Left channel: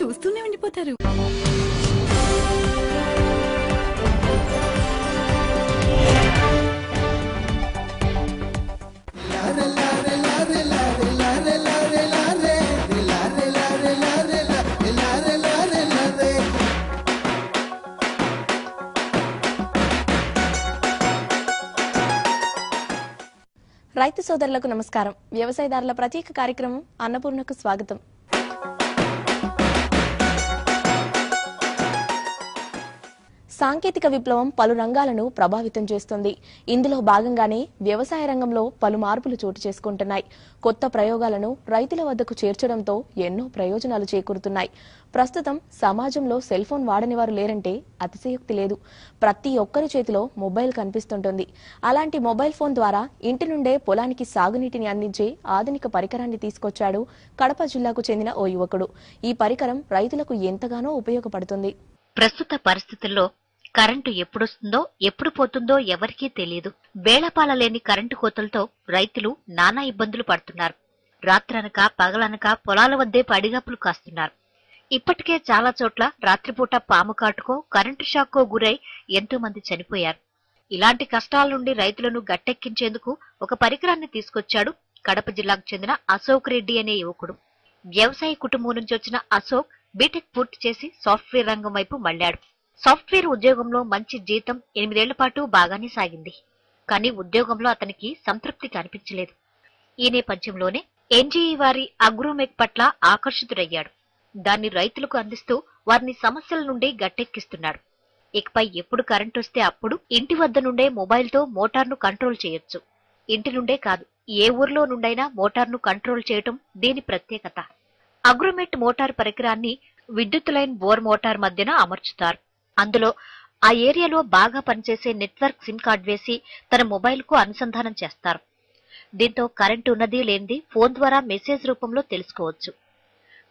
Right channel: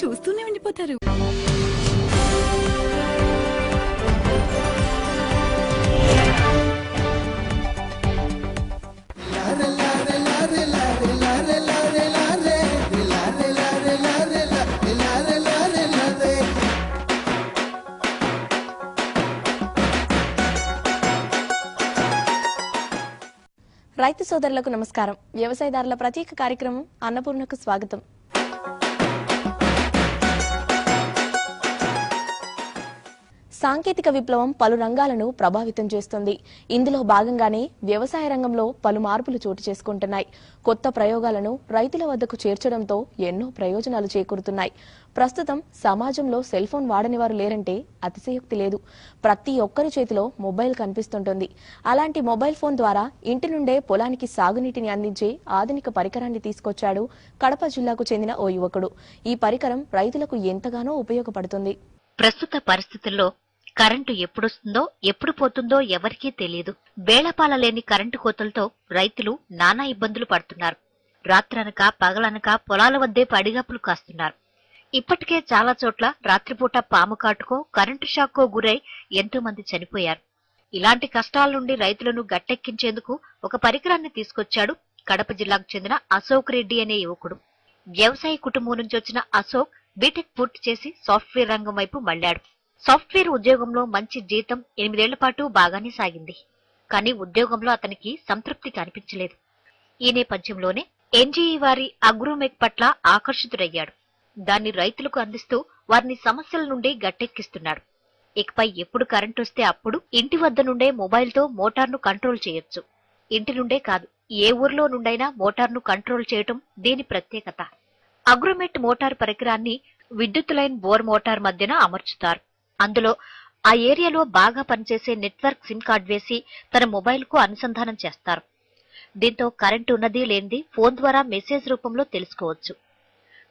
చూస్తూనే ఉండిపోతారు. రైతు సోదరులకు నమస్కారం. వ్యవసాయదారుల ప్రత్యేక కార్యక్రమం అన్నపూర్ణకు స్వాగతం. సాంకేతిక విప్లవం పలు రంగాలను ప్రభావితం చేస్తుంది. ఇందులో భాగంగానే వ్యవసాయ రంగంలో పలు మార్పులు చోటు చేసుకుంటున్నాయి. కొత్త ప్రయోగాలను రైతుల వద్దకు చేర్చడంతో ఎన్నో ప్రయోజనాలు చేకూరుతున్నాయి. ప్రస్తుతం సమాజంలో సెల్ ఫోన్ వాడని వారు లేరంటే అతిశయోక్తి లేదు. ప్రతి ఒక్కరి చేతిలో మొబైల్ కనిపిస్తుంటుంది. అలాంటి మొబైల్ ఫోన్ ద్వారా ఇంటి నుండే పొలానికి సాగునీటిని అందించే ఆధునిక పరికరాన్ని తీసుకొచ్చాడు కడప జిల్లాకు చెందిన ఓ యువకుడు. ఈ పరికరం రైతులకు ఎంతగానో ఉపయోగపడుతుంది. ప్రస్తుత పరిస్థితుల్లో కరెంటు ఎప్పుడొస్తుందో ఎప్పుడు పోతుందో ఎవరికీ తెలియదు. బేళపాల లేని కరెంటు కోతలతో రైతులు నానా ఇబ్బందులు పడుతున్నారు. రాత్రనక పగలనక పొలాల వద్దే పడిగాపులు కాస్తున్నారు. ఇప్పటికే చాలా చోట్ల రాత్రిపూట పాము కాటుకో కరెంటు షాక్కో గురై ఎంతో మంది చనిపోయారు. ఇలాంటి కష్టాల నుండి రైతులను గట్టెక్కించేందుకు ఒక పరికరాన్ని తీసుకొచ్చాడు కడప జిల్లాకు చెందిన అశోక్ రెడ్డి అనే యువకుడు. వ్యవసాయ కుటుంబం నుంచి వచ్చిన అశోక్ బీటెక్ పూర్తి చేసి సాఫ్ట్వేర్ రంగం వైపు మళ్లాడు. సాఫ్ట్వేర్ ఉద్యోగంలో మంచి జీతం 8 ఏళ్ల పాటు బాగానే సాగింది. కానీ ఉద్యోగంలో అతనికి సంతృప్తి కనిపించలేదు. ఈ నేపథ్యంలోనే ఎన్జీఈ వారి అగ్రోమెక్ పట్ల ఆకర్షితుడయ్యాడు. దాన్ని రైతులకు అందిస్తూ వారిని సమస్యల నుండి గట్టెక్కిస్తున్నాడు. ఇకపై ఎప్పుడు కరెంటు వస్తే అప్పుడు ఇంటి వద్ద నుండే మొబైల్తో మోటార్ను కంట్రోల్ చేయొచ్చు. ఇంటి నుండే కాదు, ఏ ఊర్లో నుండైనా మోటార్ను కంట్రోల్ చేయడం దీని ప్రత్యేకత. అగ్రోమెట్ మోటార్ పరికరాన్ని విద్యుత్ లైన్ బోర్ మోటార్ మధ్యన అమర్చుతారు. అందులో ఆ ఏరియాలో బాగా పనిచేసే నెట్వర్క్ సిమ్ కార్డ్ వేసి తన మొబైల్ కు అనుసంధానం చేస్తారు. దీంతో కరెంటు ఉన్నది లేనిది ఫోన్ ద్వారా మెసేజ్ రూపంలో తెలుసుకోవచ్చు.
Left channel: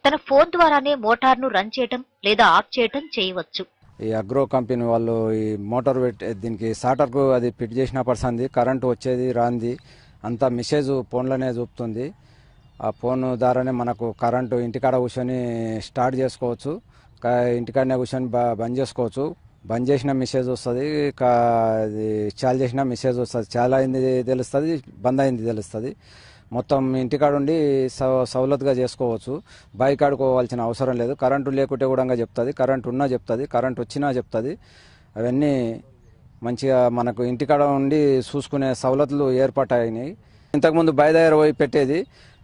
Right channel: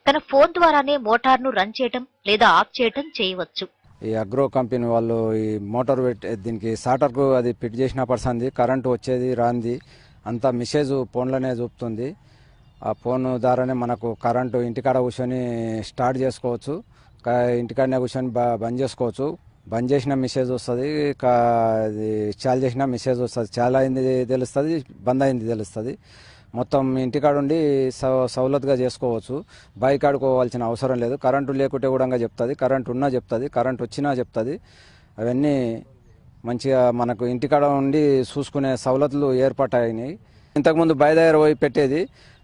తన ఫోన్ ద్వారానే మోటార్ను రన్ చేయడం లేదా ఆఫ్ చేయడం చేయవచ్చు. ఈ అగ్రో కంపెనీ వాళ్ళు ఈ మోటార్ దీనికి స్టార్టర్ కు అది ఫిట్ చేసిన పర్సంది కరెంటు వచ్చేది రాంది అంతా మెసేజ్ ఫోన్లోనే చూపుతుంది. ఆ ఫోన్ ద్వారానే మనకు కరెంటు ఇంటికాడ కూర్చొని స్టార్ట్ చేసుకోవచ్చు, ఇంటికాడనే కూర్చొని బంద్ చేసుకోవచ్చు. బంద్ చేసిన మెసేజ్ వస్తుంది, చాలు చేసిన మెసేజ్ వస్తుంది. చాలా అయింది తెలుస్తుంది, బంద్ అయింది తెలుస్తుంది. మొత్తం ఇంటికాడ ఉండి సౌలతుగా చేసుకోవచ్చు. బైక్ ఆడుకోవాల్సిన అవసరం లేదు. కరెంటు లేకుంటే కూడా చెప్తుంది, కరెంటు ఉన్నా చెప్తుంది, కరెంటు వచ్చినా చెప్తుంది. అవన్నీ మంచిగా మనకు ఇంటికాడ ఉండి చూసుకునే సౌలతులు ఏర్పాటైనాయి. ఇంతకుముందు బయలుదేరి పోయి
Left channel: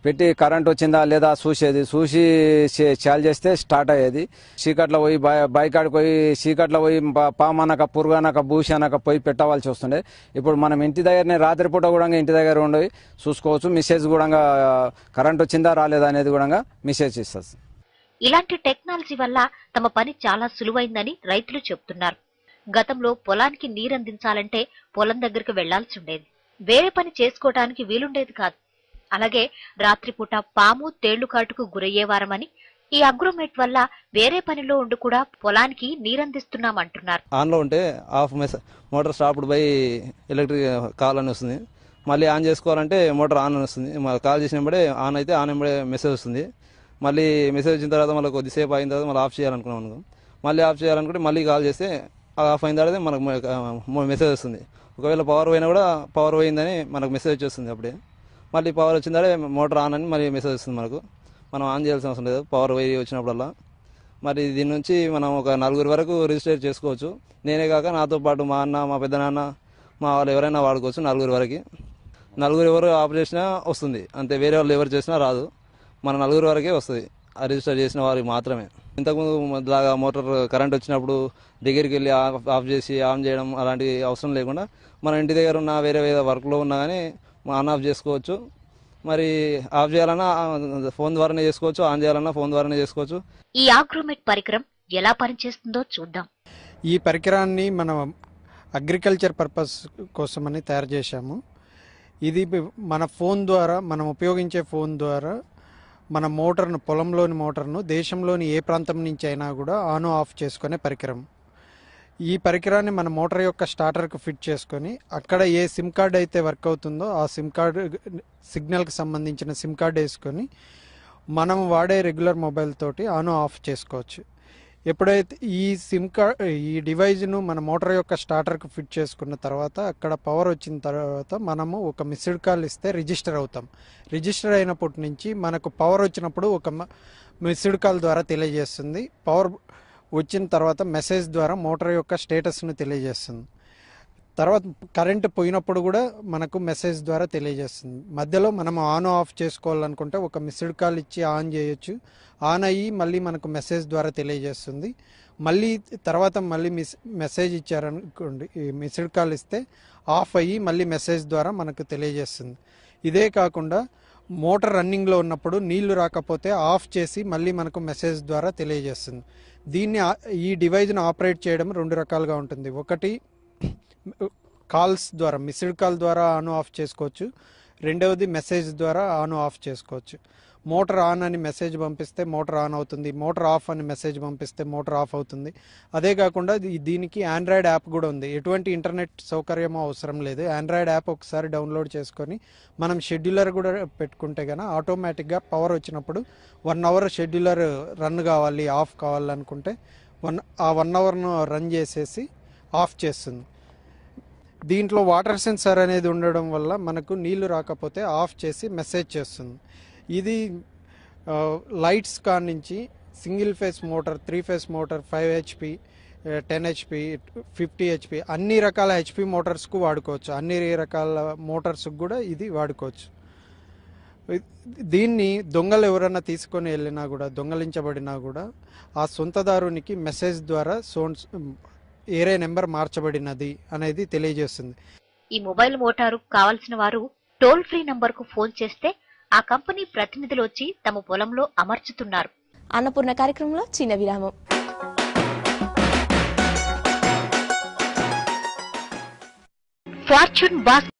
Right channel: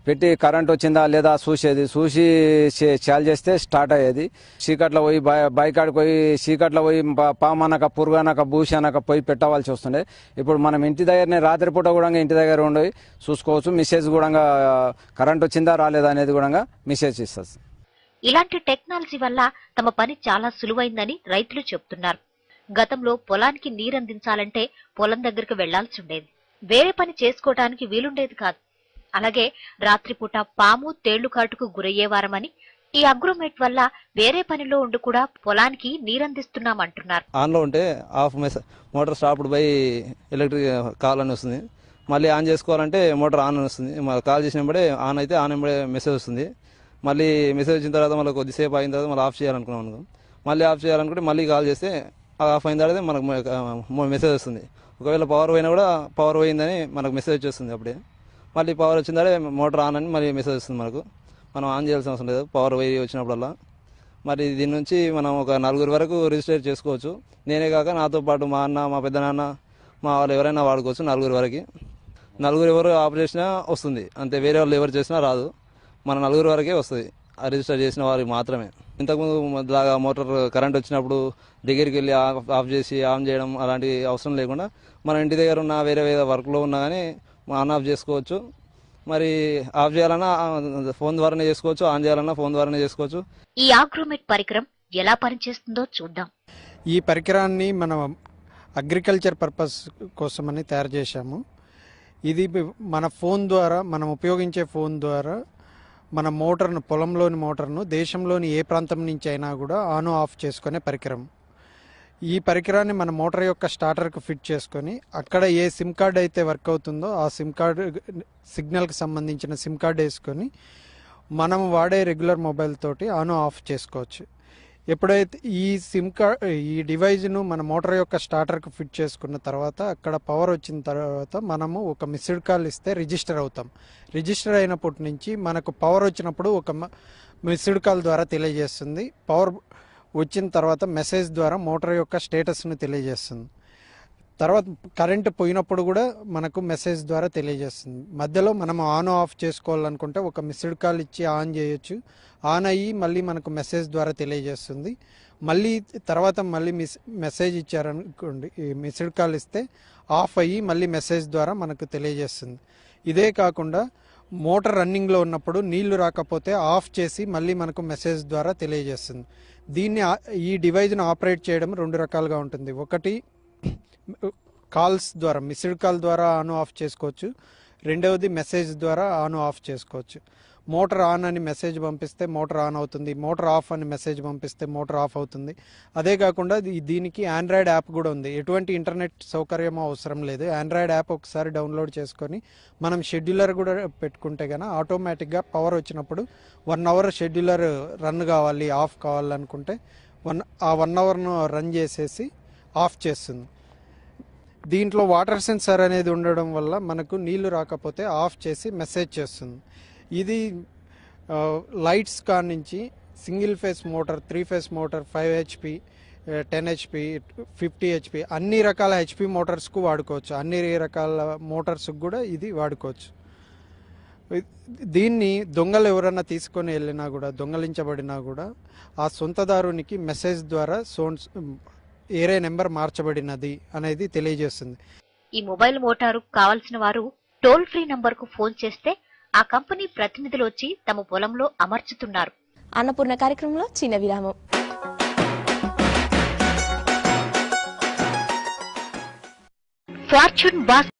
పెట్టి కరెంట్ వచ్చిందా లేదా చూసేది, చూసి చాలు చేస్తే స్టార్ట్ అయ్యేది. చీకట్లో పోయి బైక్ ఆడిపోయి చీకట్లో పోయి పామనక పురుగనక భూషనక పోయి పెట్టవలసి వస్తుండే. ఇప్పుడు మనం ఇంటి దగ్గరనే రాత్రిపూట కూడా ఇంటి దగ్గర ఉండి చూసుకోవచ్చు. మెసేజ్ కూడా కరెంట్ వచ్చిందా రాలేదా అనేది కూడా మెసేజ్ ఇస్తుంది. ఇలాంటి టెక్నాలజీ వల్ల తమ పని చాలా సులువైందని రైతులు చెబుతున్నారు. గతంలో పొలానికి నీరందించాలంటే పొలం దగ్గరకు వెళ్లాల్సి ఉండేది. వేరే పని చేసుకోవడానికి వీలుండేది కాదు. అలాగే రాత్రిపూట పాము తేళ్లు కాటుకు గురయ్యేవారమని ఈ అగ్రోమెట్ వల్ల వేరే పనిలో ఉండి కూడా పొలానికి నీరందిస్తున్నామంటున్నారు. ఆన్ లో ఉంటే ఆఫ్ మోటార్ స్టాప్ పోయి ఎలక్ట్రిక్ కాల్ అని వస్తుంది. మళ్ళీ ఆన్ చేసుకోవాలంటే మోటార్ ఆన్ అని వస్తుంది. కాల్ చేసినప్పుడే ఆన్ అయితే ఆన్ మెసేజ్ వస్తుంది. మళ్ళీ మెసేజ్ వచ్చిన తర్వాత మళ్ళీ కొద్దిసేపు అయిన తర్వాత మళ్ళీ ఆఫ్ చేయాలనుకున్నాను. మళ్ళీ ఆఫ్ చేయాలనుకుంటే మళ్ళీ కాల్ చేస్తే ఆఫ్ అయిన తర్వాత మనకు మెసేజ్ వస్తుంది. ఒకవేళ పవర్ పోయినా కూడా పవర్ పోయిందని మనకు మెసేజ్ వచ్చేస్తుంది. అప్పుడే మళ్ళీ పవర్ వచ్చిందంటే మోటార్ ఆన్ అని మళ్ళీ మెసేజ్ వస్తుంది. మనం ఆన్ చేయాల్సిన అవసరం లేదు పవర్ పోయి వచ్చినప్పుడల్లా. మరి దీని నుంచి మనం ఒక 4 వరకు రిజిస్టర్ చేసుకోవచ్చు. నేనే కాక నాతో పాటు మా అన్న, మా పెద్దనాన్న, మా వాళ్ళు ఎవరైనా వాడుకోవచ్చు. 4 వరకు. 4 ఎవరు ఆఫ్ చేసినా వస్తుంది అంతే, వేరే వాళ్ళు ఎవరు చేసినా రాదు. మన 4 వరకే వస్తుంది, ఆ రిజిస్టర్ చేసిన వారికి మాత్రమే. ఇంతకుముందు లాగా మోటార్ కరెంట్ వచ్చినప్పుడు దగ్గరికి వెళ్ళి ఆఫ్ చేసి ఆన్ చేయడం అలాంటి అవసరం లేకుండా మన ఇంటి దగ్గర ఉన్న వేరే వర్క్లో ఉన్నా కానీ ఆన్ ఆఫ్ చేసుకోవచ్చు. మరి ఆఫ్ చేయాలన్నా ఫోన్ ద్వారానే చేసుకోవచ్చు, ఆన్ చేయాలన్నా ఫోన్ ద్వారానే చేసుకోవచ్చు. ఈ అగ్రోమెట్ పరికరం ఎలా పనిచేస్తుందో చూద్దాం. ఈ పరికరాన్ని మనం అగ్రికల్చర్ పర్పస్ కోసమని తయారు చేశాము. ఇది మన ఫోన్ ద్వారా, మనం ఉపయోగించే ఫోన్ ద్వారా మన మోటార్ను, పొలంలోని మోటార్ను దేశంలోని ఏ ప్రాంతం నుంచి అయినా కూడా ఆన్ ఆఫ్ చేసుకునే పరికరం. ఈ పరికరాన్ని మన మోటార్ యొక్క స్టార్టర్కు ఫిట్ చేసుకొని అక్కడ ఏ సిమ్ కార్డ్ అయితే వర్క్ అవుతుందో ఆ సిమ్ కార్డు సిగ్నల్కి సంబంధించిన సిమ్ కార్డ్ వేసుకొని మనం వాడే రెగ్యులర్ మొబైల్ తోటి ఆన్ ఆఫ్ చేసుకోవచ్చు. ఎప్పుడైతే ఈ సిమ్ కార్డ్ ఈ డివైజ్ను మన మోటార్ యొక్క స్టార్టర్కు ఫిట్ చేసుకున్న తర్వాత అక్కడ పవర్ వచ్చిన తర్వాత మనము ఒక మిస్డ్ కాల్ ఇస్తే రిజిస్టర్ అవుతాం. రిజిస్టర్ అయినప్పటి నుంచి మనకు పవర్ వచ్చినప్పుడు ఒక మిస్డ్ కాల్ ద్వారా తెలియజేస్తుంది. పవర్ వచ్చిన తర్వాత మెసేజ్ ద్వారా మోటార్ యొక్క స్టేటస్ను తెలియజేస్తుంది. తర్వాత కరెంట్ పోయినప్పుడు కూడా మనకు మెసేజ్ ద్వారా తెలియజేస్తుంది. మధ్యలో మనం ఆన్ ఆఫ్ చేసుకోవాలనుకుంటే ఒక మిస్డ్ కాల్ ఇచ్చి ఆన్ చేయొచ్చు. ఆన్ అయ్యి మళ్ళీ మనకు మెసేజ్ ద్వారా తెలియజేస్తుంది. మళ్ళీ తర్వాత మళ్ళీ మెసేజ్ ఇచ్చారనుకోండి, మిస్డ్ కాల్ ఇస్తే ఆఫ్ అయ్యి మళ్ళీ మెసేజ్ ద్వారా మనకు తెలియజేస్తుంది. ఇదే కాకుండా మోటార్ రన్నింగ్లో ఉన్నప్పుడు నీళ్లు రాకపోతే ఆఫ్ చేసి మళ్ళీ మనకు మెసేజ్ ద్వారా తెలియజేస్తుంది. ఈ డివైజ్ను ఆపరేట్ చేయడం 2 రకాలుగా ఉంటుంది. ఒకటి కాల్స్ ద్వారా, మిస్డ్ కాల్ ద్వారా ఆన్ ఆఫ్ చేసుకోవచ్చు. రెండవది మెసేజ్ ద్వారా ఆన్ ఆఫ్ చేసుకోవచ్చు. మోటార్ ఆన్ అని మెసేజ్ పంపిస్తే మోటార్ ఆన్ అవుతుంది. మోటార్ ఆఫ్ అని మెసేజ్ పంపిస్తే మోటార్ ఆఫ్ అవుతుంది. అదే కాకుండా దీనికి ఆండ్రాయిడ్ యాప్ కూడా ఉంది. ఎటువంటి ఇంటర్నెట్ సౌకర్యం అవసరం లేదు. ఆండ్రాయిడ్ యాప్ ఒకసారి డౌన్లోడ్ చేసుకొని మనం షెడ్యూలర్ కూడా పెట్టుకుంటే కనుక ఆటోమేటిక్గా పవర్ వచ్చినప్పుడు 1 అవర్ షెడ్యూలర్ రన్ కావాలి, ఆఫ్ కావాలనుకుంటే 1 అవర్ను రన్ చేసేసి ఆఫ్ చేస్తుంది. దీంట్లో వాటర్ సెన్సార్ అనేది ఉండడం వల్ల మనకు నీళ్లు రాకపోతే ఆఫ్ చేసి మెసేజ్ చేస్తుంది. ఇది లైట్స్ కానించి single phase motor, 3 face motor, 5 HP, 10 HP, 50 HP అన్ని రకాల HP మోటార్స్కు వాడుకోవచ్చు. అన్ని రకాల మోటార్స్కు కూడా ఇది వాడుకోవచ్చు. దీన్ని దొంగలు ఎవరైనా తీసుకొని వెళ్ళినా కూడా, దొంగలించబడినా కూడా ఆ సొంతదారునికి మెసేజ్ ద్వారా ఏరే నెంబర్ మార్చబడినది అనేది తెలియజేస్తుంది. ఈ మొబైల్ మోటారు కావలసిన వారు టోల్ ఫ్రీ నంబర్ కు ఫోన్ చేస్తే ఆ కంపెనీ ప్రతినిధులు వచ్చి తమ పొలంలో అమర్చుతున్నారు. అన్నపూర్ణ కార్యక్రమంలో చిన్న విరామం. Fortune boss